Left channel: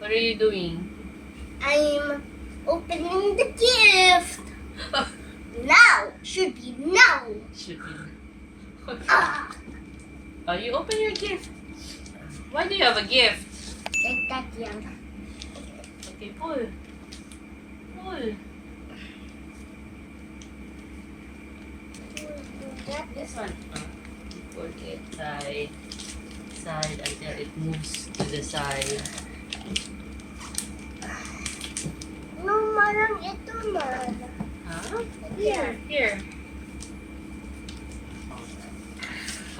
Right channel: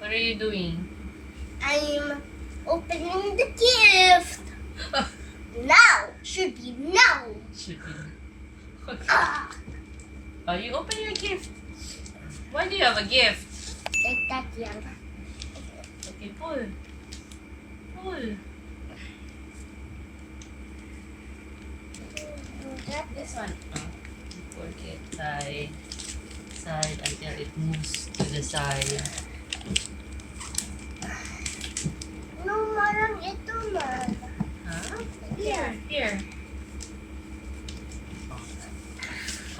What are you doing? I'm opening the gift. Now. Should be now. Should be. Okay. Oh, you open your gift. Why do you have a gift? Like that, young. Okay, pull. Pull. This one. Put it side until it moves to the side. No, marang ito man. Huh? Here. Here.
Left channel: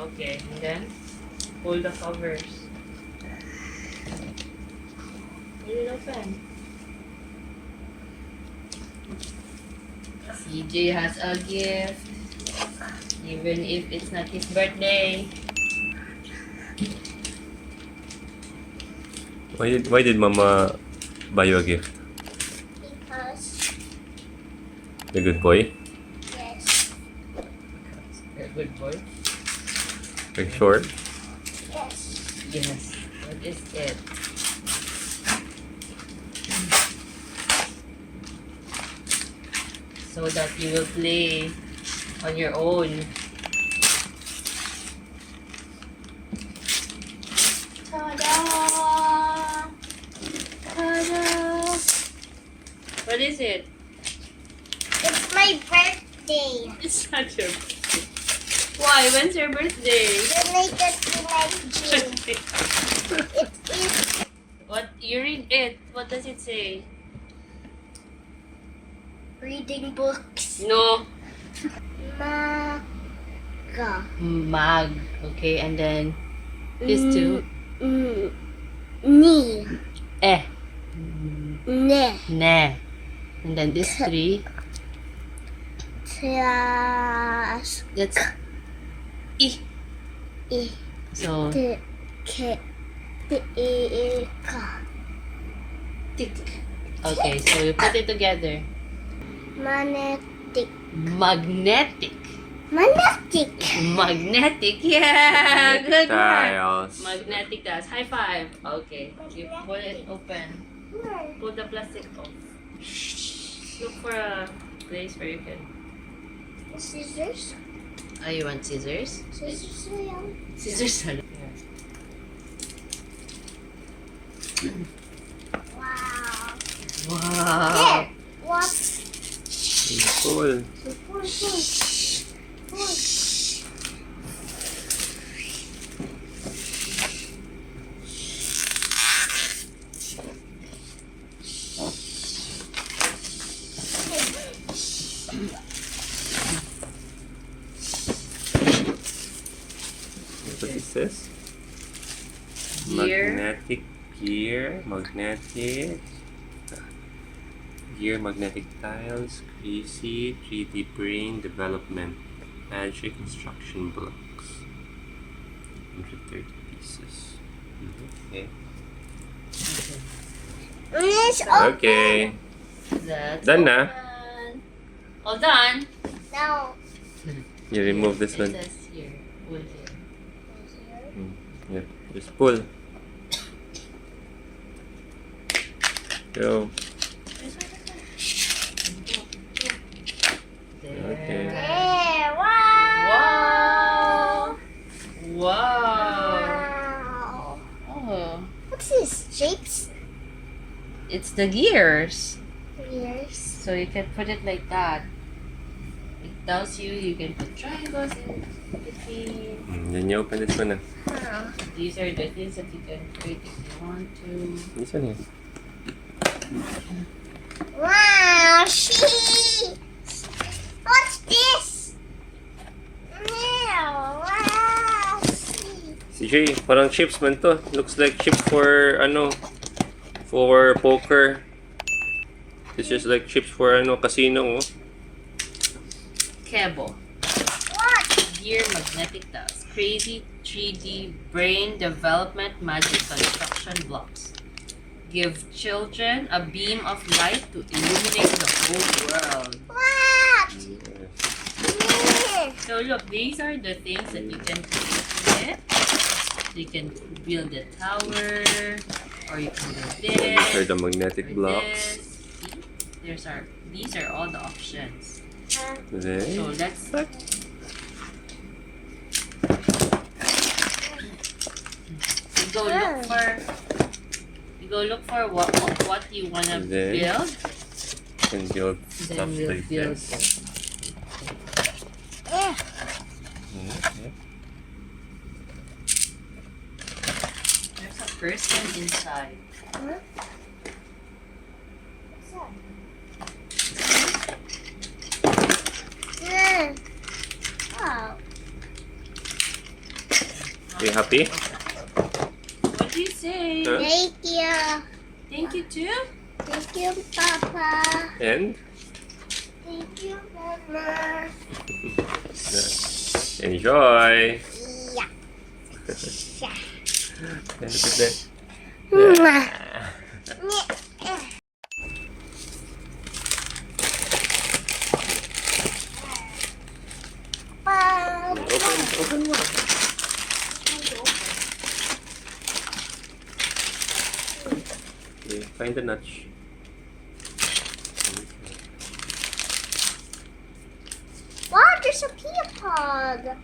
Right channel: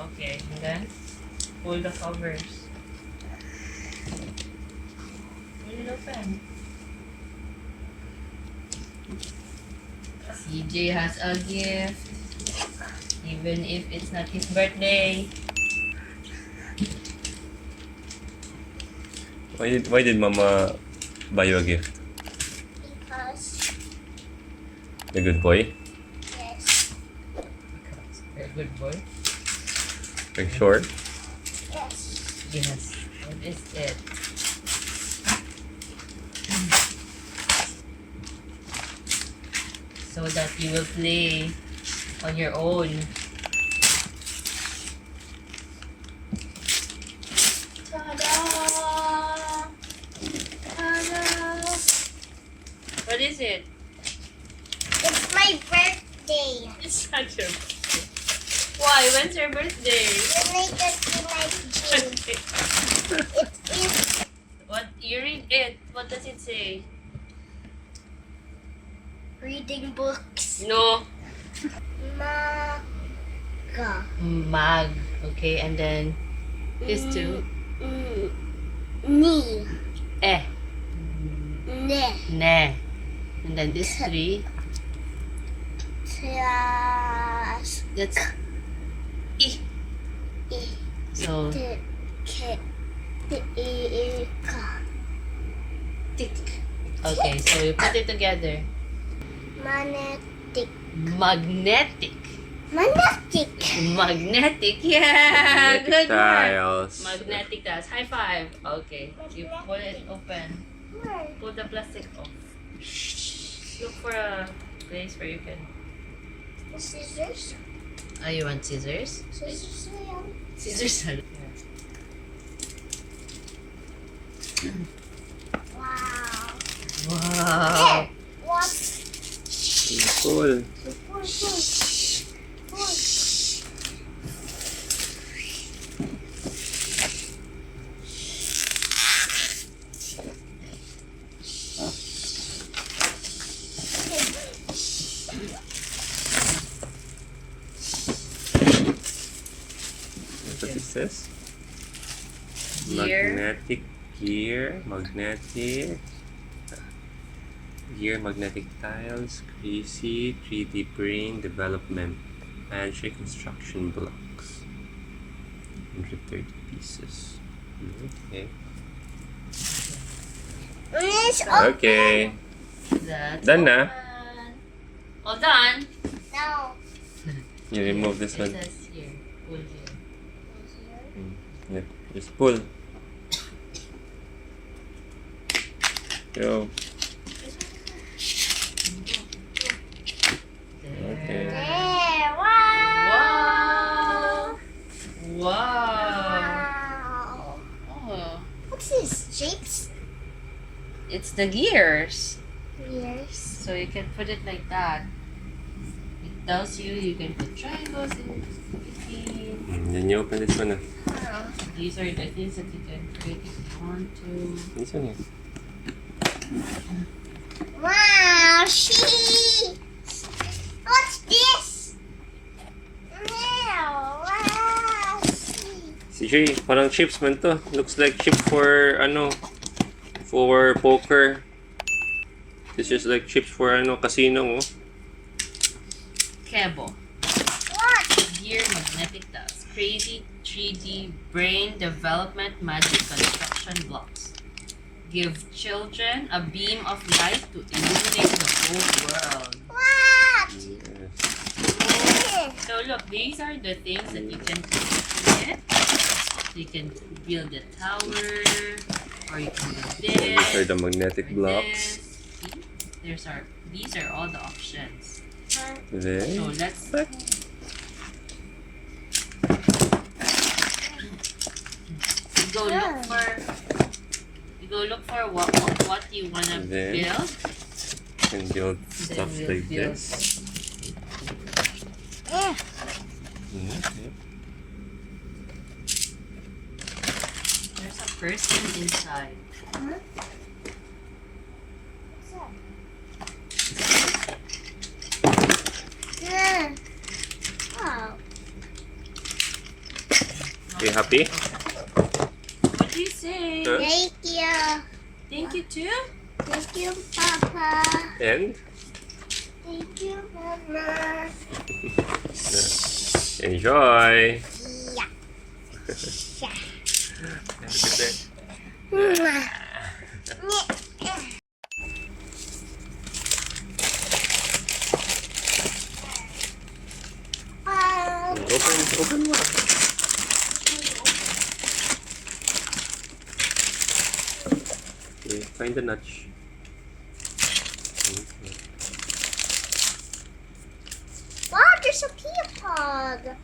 Okay, and then pull the covers. Pull it open. CJ has a gift, even if it's not his birthday. Why did Mama buy you a gift? Because, The good boy? yes. You're a good boy. Are you sure? Yes. Yes. What is it? So that you will play on your own. Ta-da! Ta-da! What is it? It's my birthday. It's not your birthday. Why? When's your birthday? Related to my June. It is What? You read it. What does it say? reading books. No. Maga. Mag. Okay, and then these two. Ni. Eh. Ne. Ne. And then these three. Tras. That's I. I. So, T. K. T. I. Ka. tick. Okay, so you put it together. Magnetic. Magnetic. Magnetic. Magnetic. Yeah. Good one. tiles. Magnetic tiles. High five. Okay. You pull it open. Where? Pull the plastic off. Look for a place where you can. Scissors. Oh, you want scissors? Scissors. Yan. Scissors. Wow. Wow. There. What? Cool. Pull. What is this? Gear. Magnetic gear. Magnetic tiles. Crazy. 3D brain development. Magic construction blocks. 130 pieces. Okay. It's Okay. That's Done na. open. All done. No. You remove this It one. says here. Pull here. Yep. Just pull. Go. Okay. There. Wow. Wow. Wow. Wow. Oh. What's this? Shapes? It's the gears. Yes. So you can put it like that. It tells you you can put triangles in between. Then you open this one. These are the things that you can create if you want to. This one. Wow. Sheep. What's this? Wow. Sheep. CJ, parang chips man to. Looks like chip for for poker. This is like chips for casino. Oh. Cable. What? Gear magnetic tiles. Crazy 3D brain development magic construction blocks. Give children a beam of light to illuminate the whole world. What? Yes. Here. So look, these are the things that you can put in it. You can build a tower. Or you can do These are this. the magnetic or blocks. this. See? These are all the options. So Then, let's go look for what you wanna Then, build. and build Then stuff we'll like build this. Eh. Okay. There's a person inside. Huh? Yeah. Wow. Are you happy? What do you say? Huh? Thank you. Thank you too. Thank you, Papa. And Thank you, Mama. enjoy. Yeah. Okay. Mwah. Open mo. Okay, find the notch. Okay. Wow, there's a pea pod.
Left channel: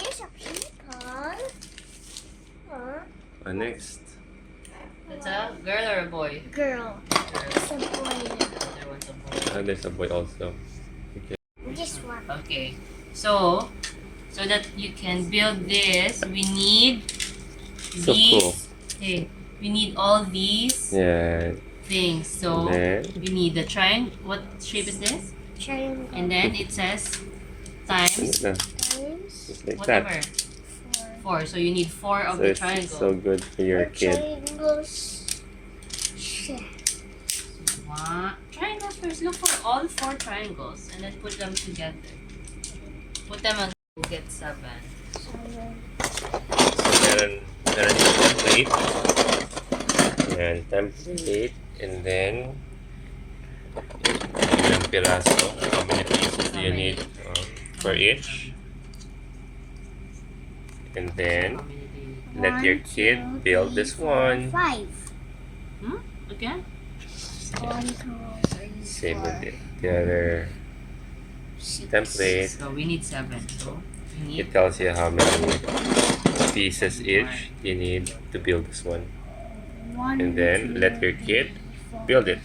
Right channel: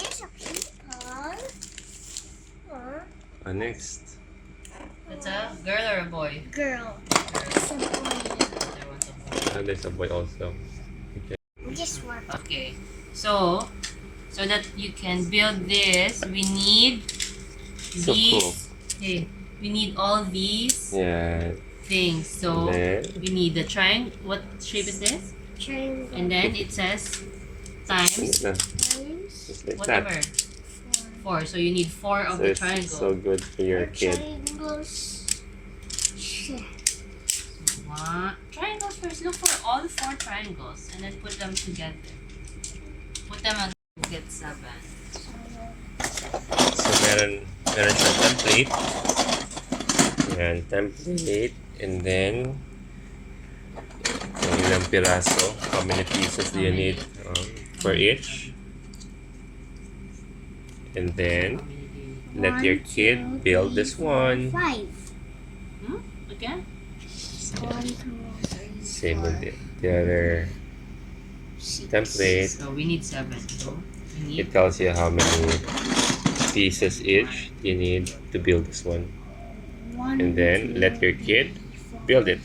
There's a pea pod. Next. It's a girl or a boy? Girl. It's a boy. There was a boy. There's a boy also. This one. Okay, so that you can build this, we need So these. cool. Okay, we need all these Yeah. things. So Then, we need the triangle. What shape is this? Triangle. And then it says times Times. just like what that. number? 4. So you need 4 of So the it's triangle. so good for your kid. Triangles. Triangles first. Look for all 4 triangles and then put them together. Put them on. We'll get 7. So meron siyang template. Yan, template. And then, ilang piraso. How many pieces do you need for each? And then, let your kid build this one. 5. Okay. 1, 2, 3, Same with the other template. So we need 7. So we It need tells you how many pieces each you need to build this one. 1, And then, let your kid build it.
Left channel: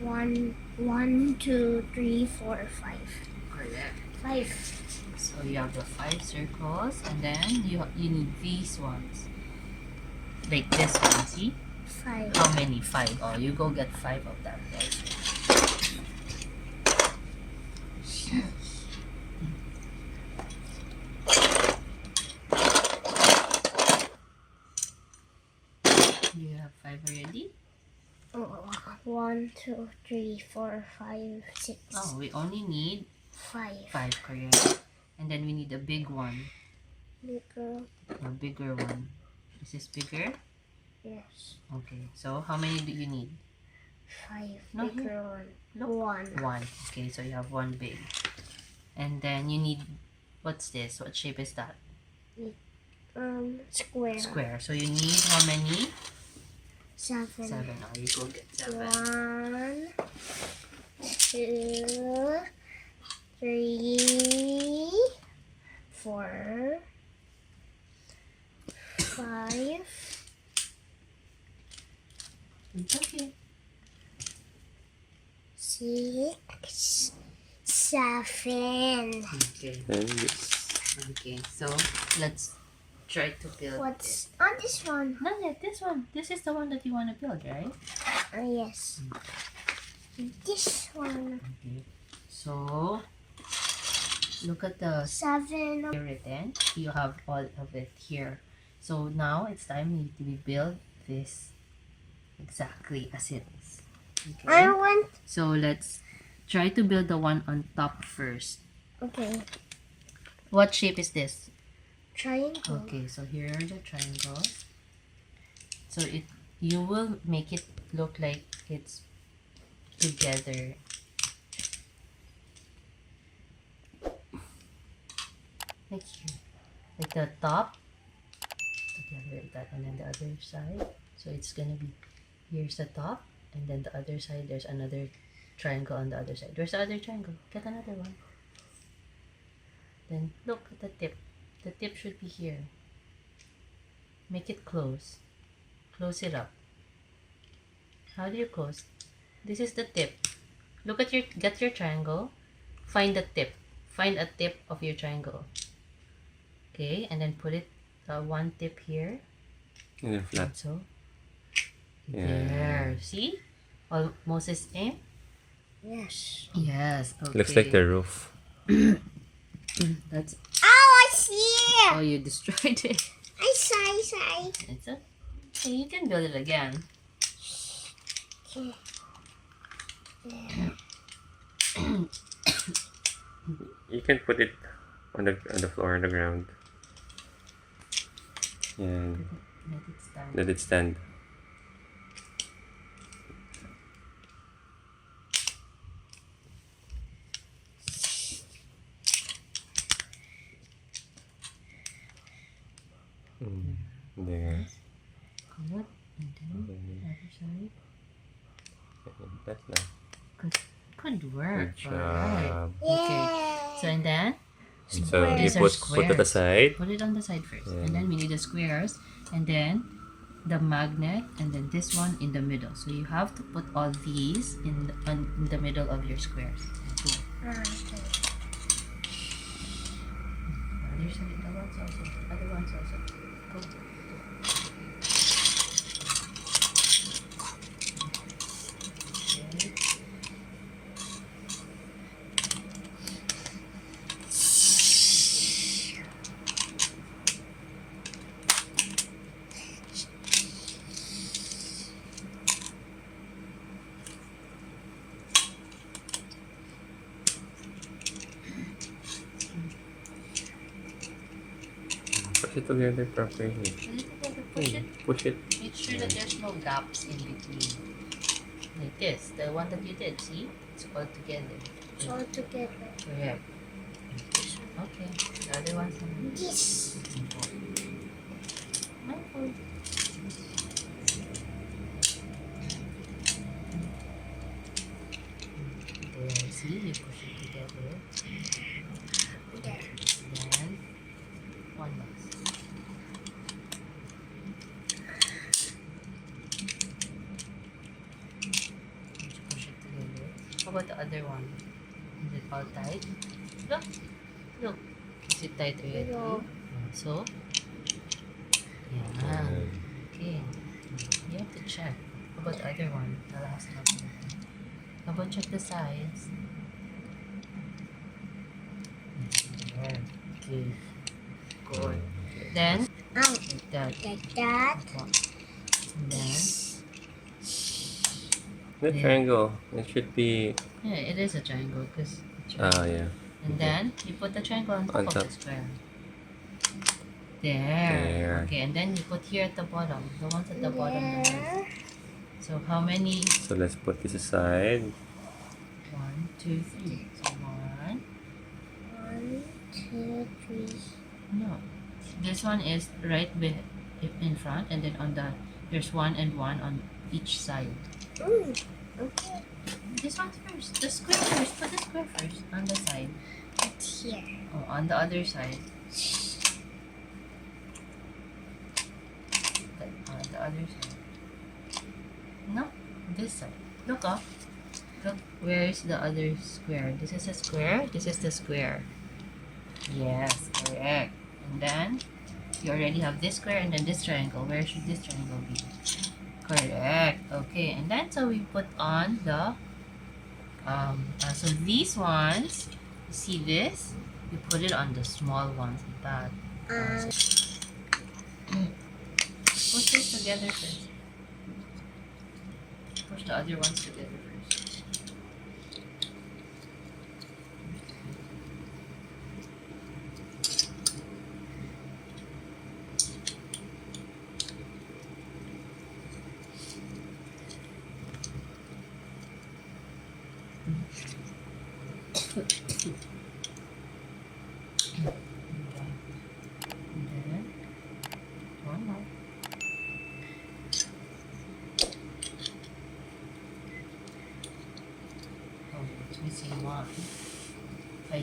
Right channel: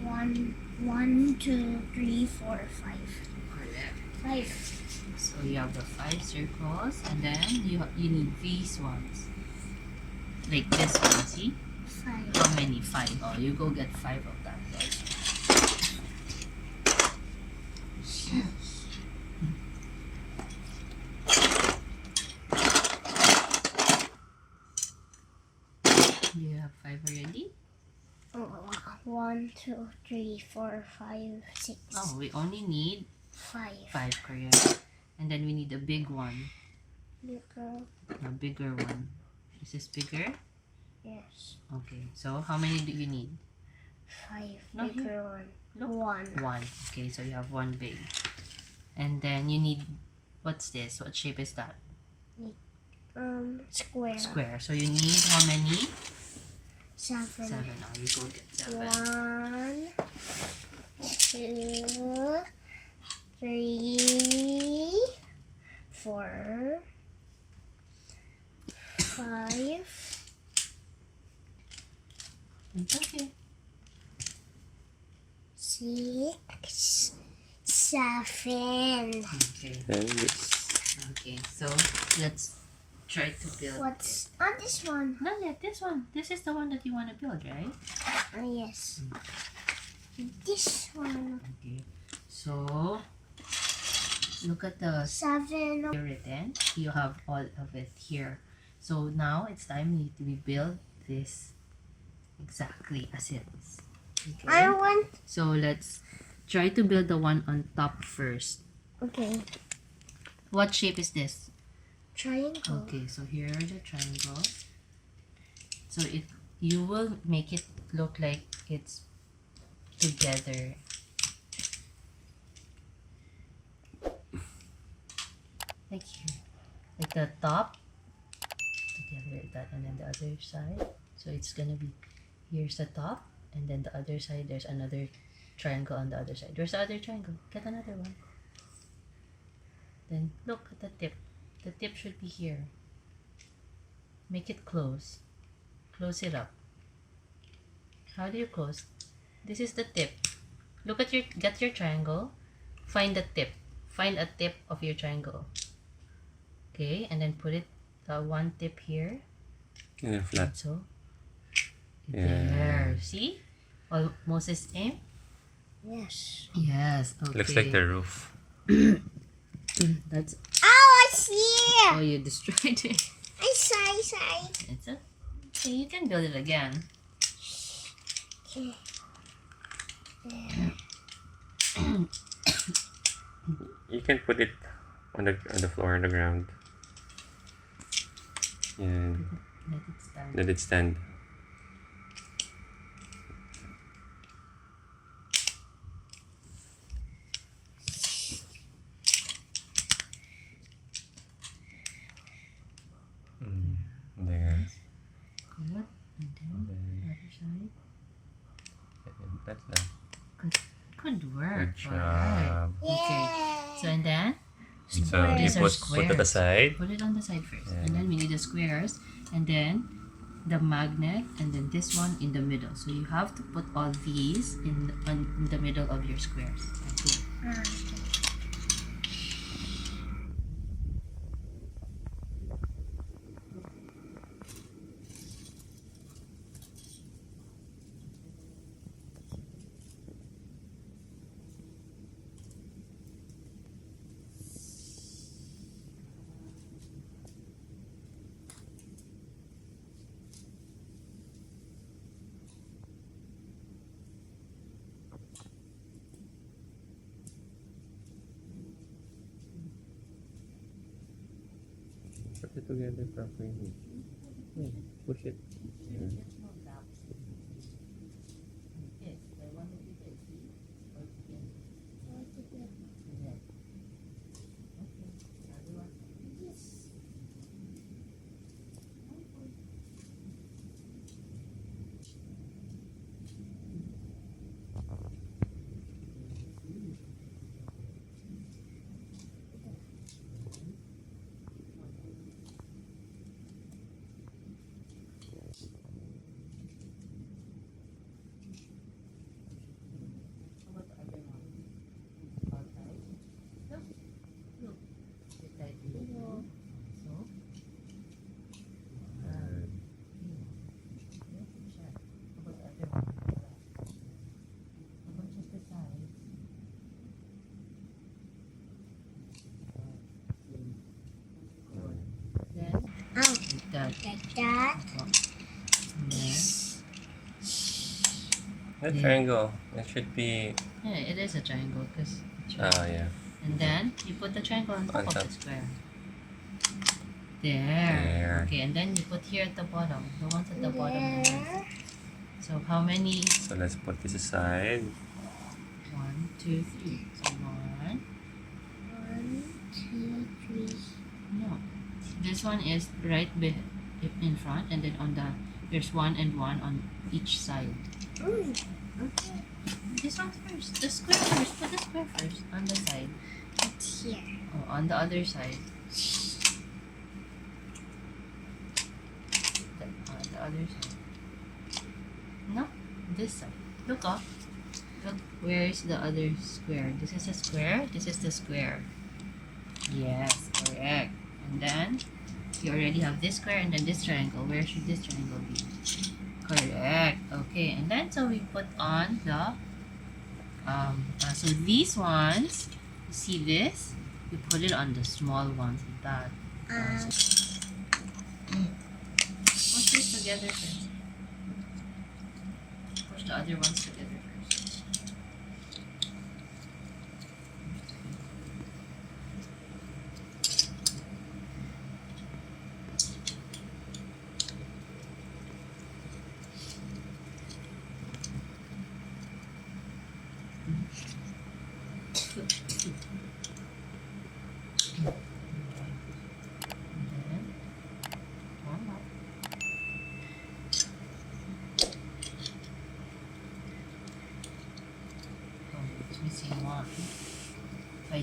1, 2, 3, 4, 5. correct. 5. So you have the 5 circles, and then you need these ones. Like this one, see? 5. How many? 5. Oh, you go get 5 of that. Also. You have 5 already? 1, 2, 3, 4, 5, 6. Oh, we only need 5. 5, correct. And then we need a big one. Bigger. A bigger one. Is this bigger? Yes. Okay. So how many do you need? 5. No, Bigger one. Look. 1. 1. Okay, so you have 1 big. And then you need, what's this? What shape is that? Square. Square. So you need how many? 7. 7. Oh, you go get 7. 1, 2, 3, 4, 5, It's okay. 6, 7. Okay. And this. Okay. So let's try to build. What's on this one? No, this one. This is the one that you want to build, right? Yes. This one. Okay. So look at the 7. here written. You have all of it here. So now it's time to build this exactly as it is. I Okay. want. So let's try to build the one on top first. Okay. What shape is this? Triangle. Okay, so here are the triangles. So you will make it look like it's together. like here, like the top together like that, and then the other side. So it's gonna be, here's the top, and then the other side there's another triangle on the other side. There's the other triangle. Get another one. Then look at the tip. The tip should be here. Make it close. Close it up. How do you close? This is the tip. Look at get your triangle. Find the tip. Find a tip of your triangle. Okay, and then put it one tip here. And then flat. So Yeah. there. See? Almost the same. Yes. Yes. Okay. Looks like the roof. That's. Oh, I see. Oh, you destroyed it. I saw. It's a. So you can build it again. Okay. You can put it on the floor, on the ground. And Let it stand. let it stand. There. Come up, and then other side. That lang. Good work. Good Alright. job. Okay. So and then So you These are put it squares. aside. put it on the side first, and then we need the squares, and then the magnet, and then this one in the middle. So you have to put all these in the middle of your squares. Okay. Other side, the ones also. Other ones also. Go. Okay. Push it together properly. Push it. Push it. Make sure that there's no gaps in between. Like this, the one that you did, see? It's all together. It's all together. Correct. Okay, the other one's on This. Mindful. There, see? You push it together. There. And one last. Push it together. How about the other one? Is it all tight? Look. Look. Is it tight already? No. So? Yeah. Okay. You have to check. How about the other one? The last one. How about check the size? Yeah. Okay. Good. Then, like that. Like that. And then, The Yeah. triangle. It should be. yeah, it is a triangle because. Yeah. And then you put the triangle on top On of top. the square. There. Okay, and then you put here at the bottom. The ones at the bottom. There. So how many? So let's put this aside. 1, 2, 3. So 1. 1, 2, 3. No. This one is right in front, and then on the there's 1 and 1 on each side. Okay. This one's first. The square first. Put the square first on the side. It's here. Oh, on the other side. On the other side. No, this side. Look up. Look, where is the other square? This is a square. This is the square. Yes, correct. And then you already have this square and then this triangle. Where should this triangle be? Correct. Okay, and then so we put on the so these ones, you see this? You put it on the small ones like that. Push this together first. Push the other ones together first.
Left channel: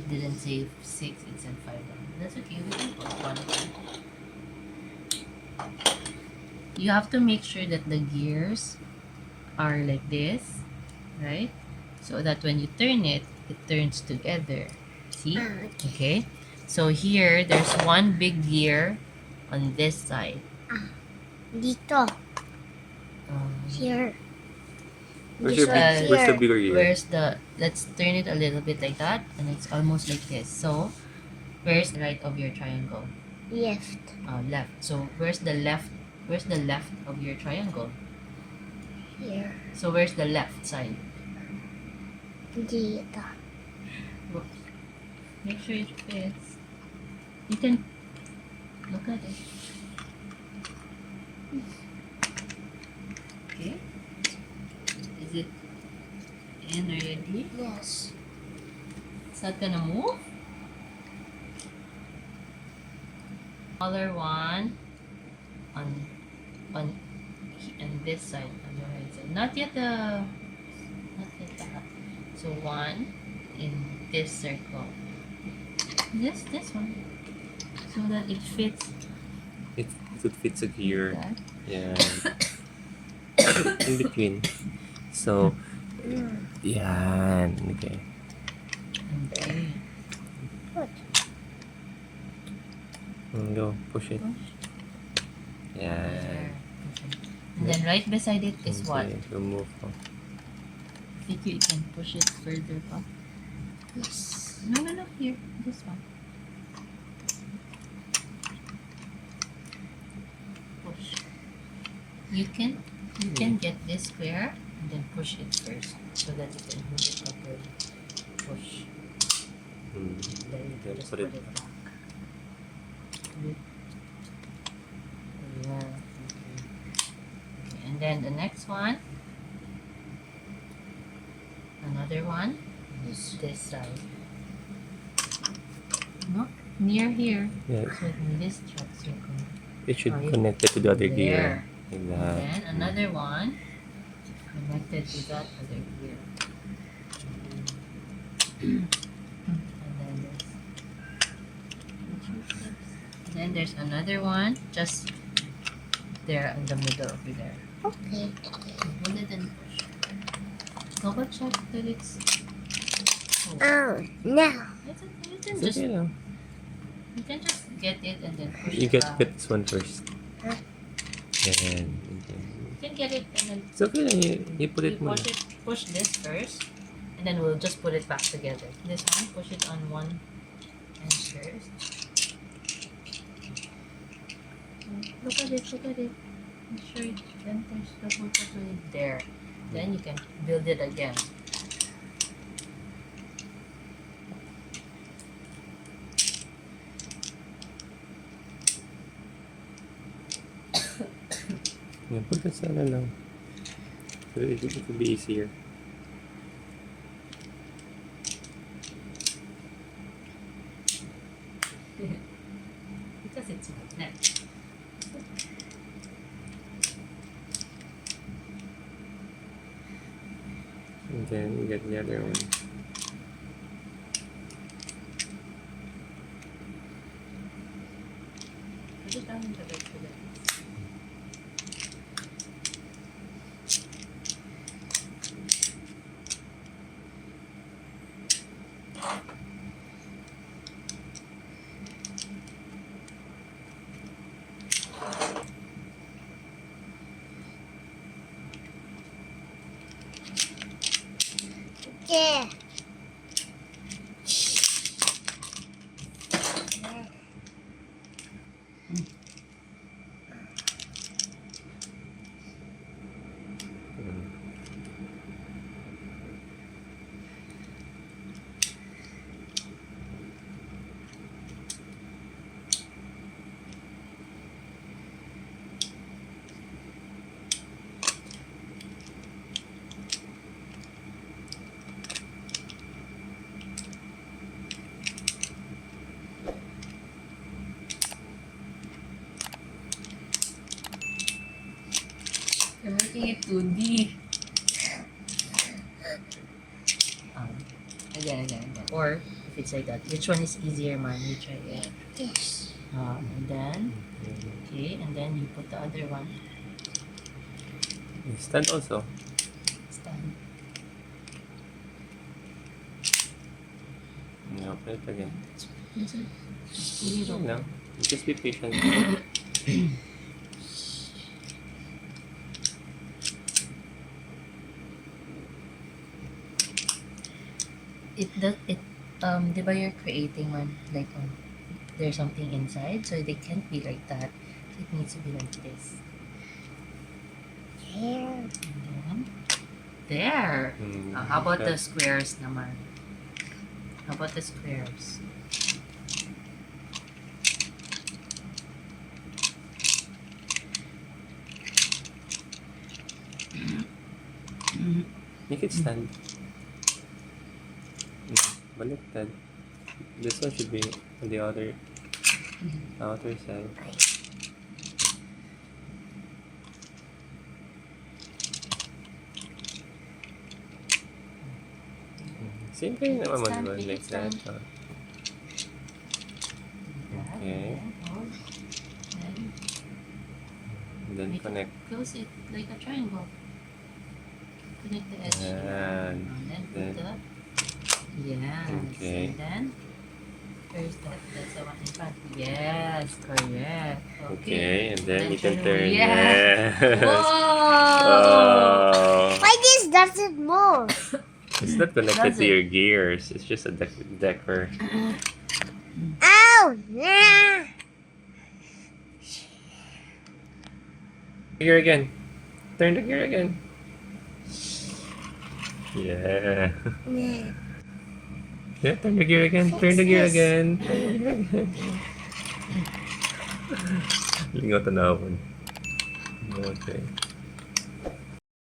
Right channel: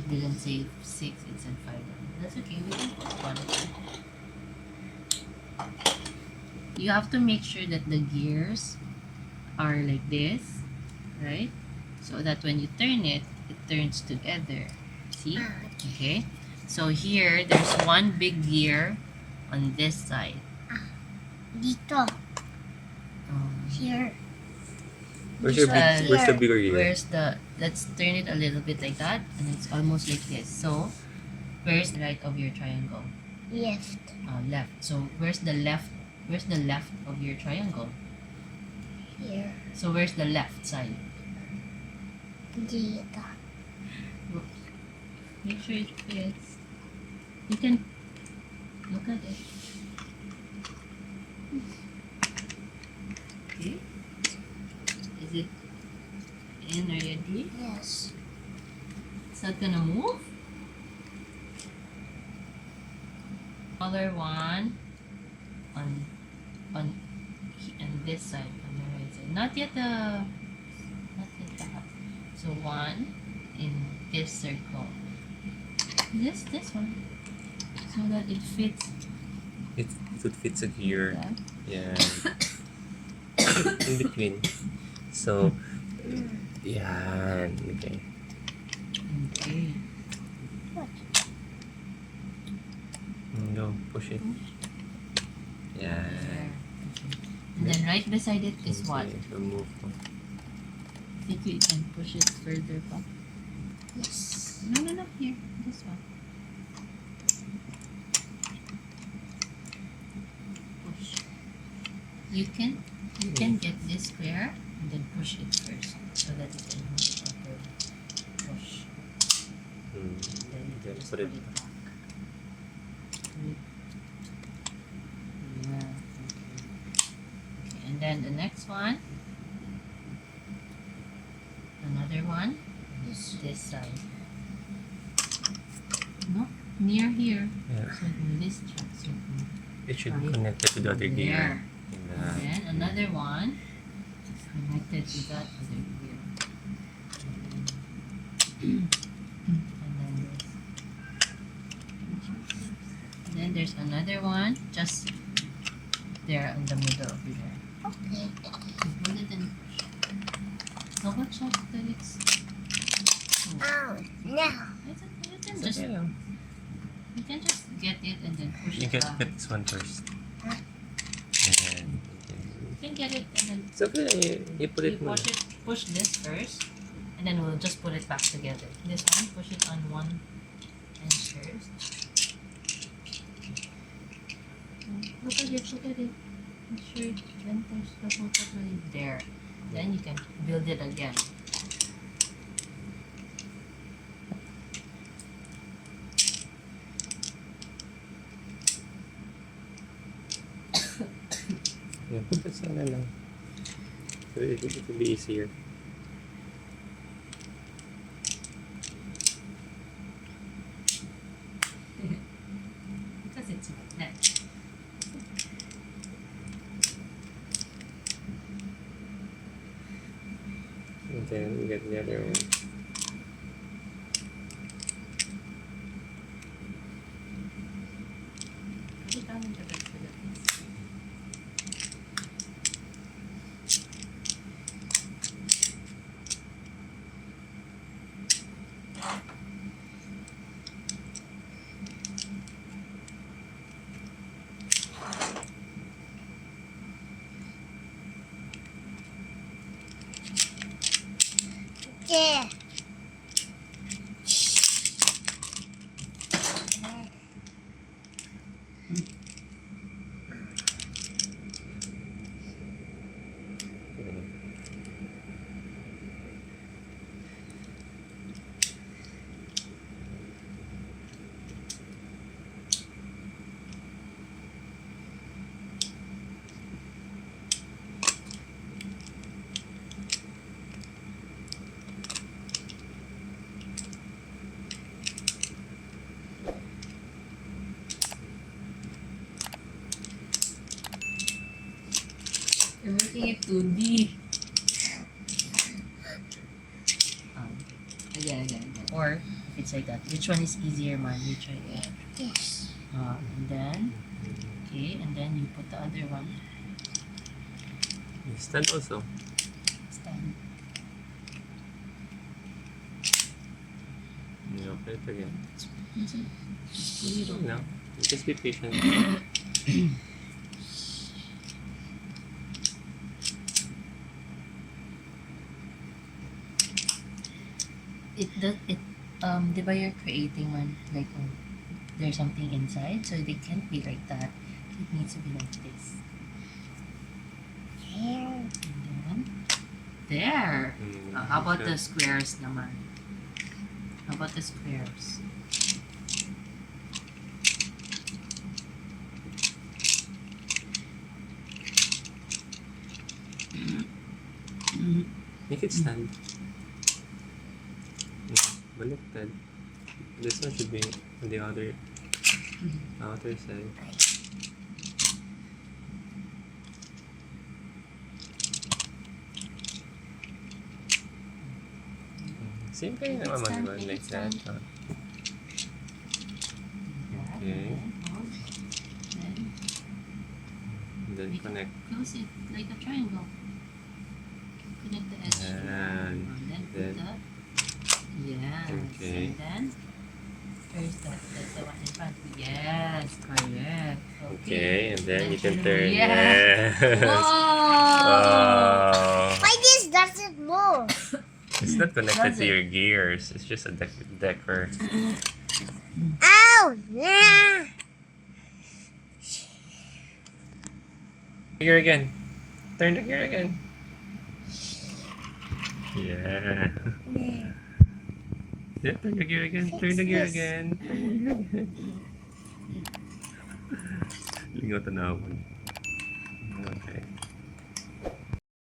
didn't say 6, it said 5. That's okay. We can put 1. You have to make sure that the gears are like this, right? So that when you turn it, it turns together. See? Okay. So here, there's one big gear on this side. Dito. Here. Where's This your one big, where's the here. bigger gear? Where's the, let's turn it a little bit like that, and it's almost like this. So, where's the right of your triangle? Left. Left. So, where's the left of your triangle? Here. So, where's the left side? Dito. Make sure it fits. You can look at it. Okay. Is it in already? Yes. Is that gonna move? Smaller one on this side, on the right side. Not yet that. So one in this circle. This one. So that it fits It fits a gear. that. Yeah. In between. So, yan. Okay. Okay. Go, push it. Yan. There. And then right beside it is what? Okay, remove. Think you can push it further up? Yes. No, here. This one. Push. You can get this square and then push it first so that you can move it properly. Push. Then you can just Put put it it back. Yeah. Okay. And then the next one. Another one. This side. No? Near here. Yeah, So in this circle. it should Right. connect it to the other gear. There. Like And that. then another one connected to that other gear. And then there's another one just there in the middle over there. Okay. Hold it and push. Double check that it's. Oh, no. You can It's just okay lang. you can just get it and then push You it get back. this one first. And okay. You can get it and then It's okay lang. You put it you more. push this first, and then we'll just put it back together. This one, push it on one end first. Look at it. Make sure it enters properly there. Then you can build it again. Yeah, put this sana lang. So it will be easier. Because it's magnet. And then you get the other one. Pwede pa naman lagay ko na. Yeah. You're making it 2D. Again. Or, if it's like that. Which one is easier, man? You try it. This. And then, okay, and then you put the other one. Stand also. Stand. Yeah, open it again. You No, just be patient. Di ba you're creating one like there's something inside, so they can't be like that. It needs to be like this. Here. And then, there. How about the squares naman? How about the squares? Make it stand. Baliktad. This one should be on the other outer side. Same thing naman mo naman like that. Okay. And then connect. Close it like a triangle. Connect the edge. And then put then- the yes. Okay. And then where's that? That's the one in front. Yes, correct. Okay, and then you can turn turn. it. Yeah. Whoa! Oh. Why this doesn't move? It's not connected Does to it? your gears. It's just a decor. Ow! Yeah. Gear again. Turn the gear again. Yeah. Yeah, turn the gear again. Turn the gear again. Lingot na ako. Okay.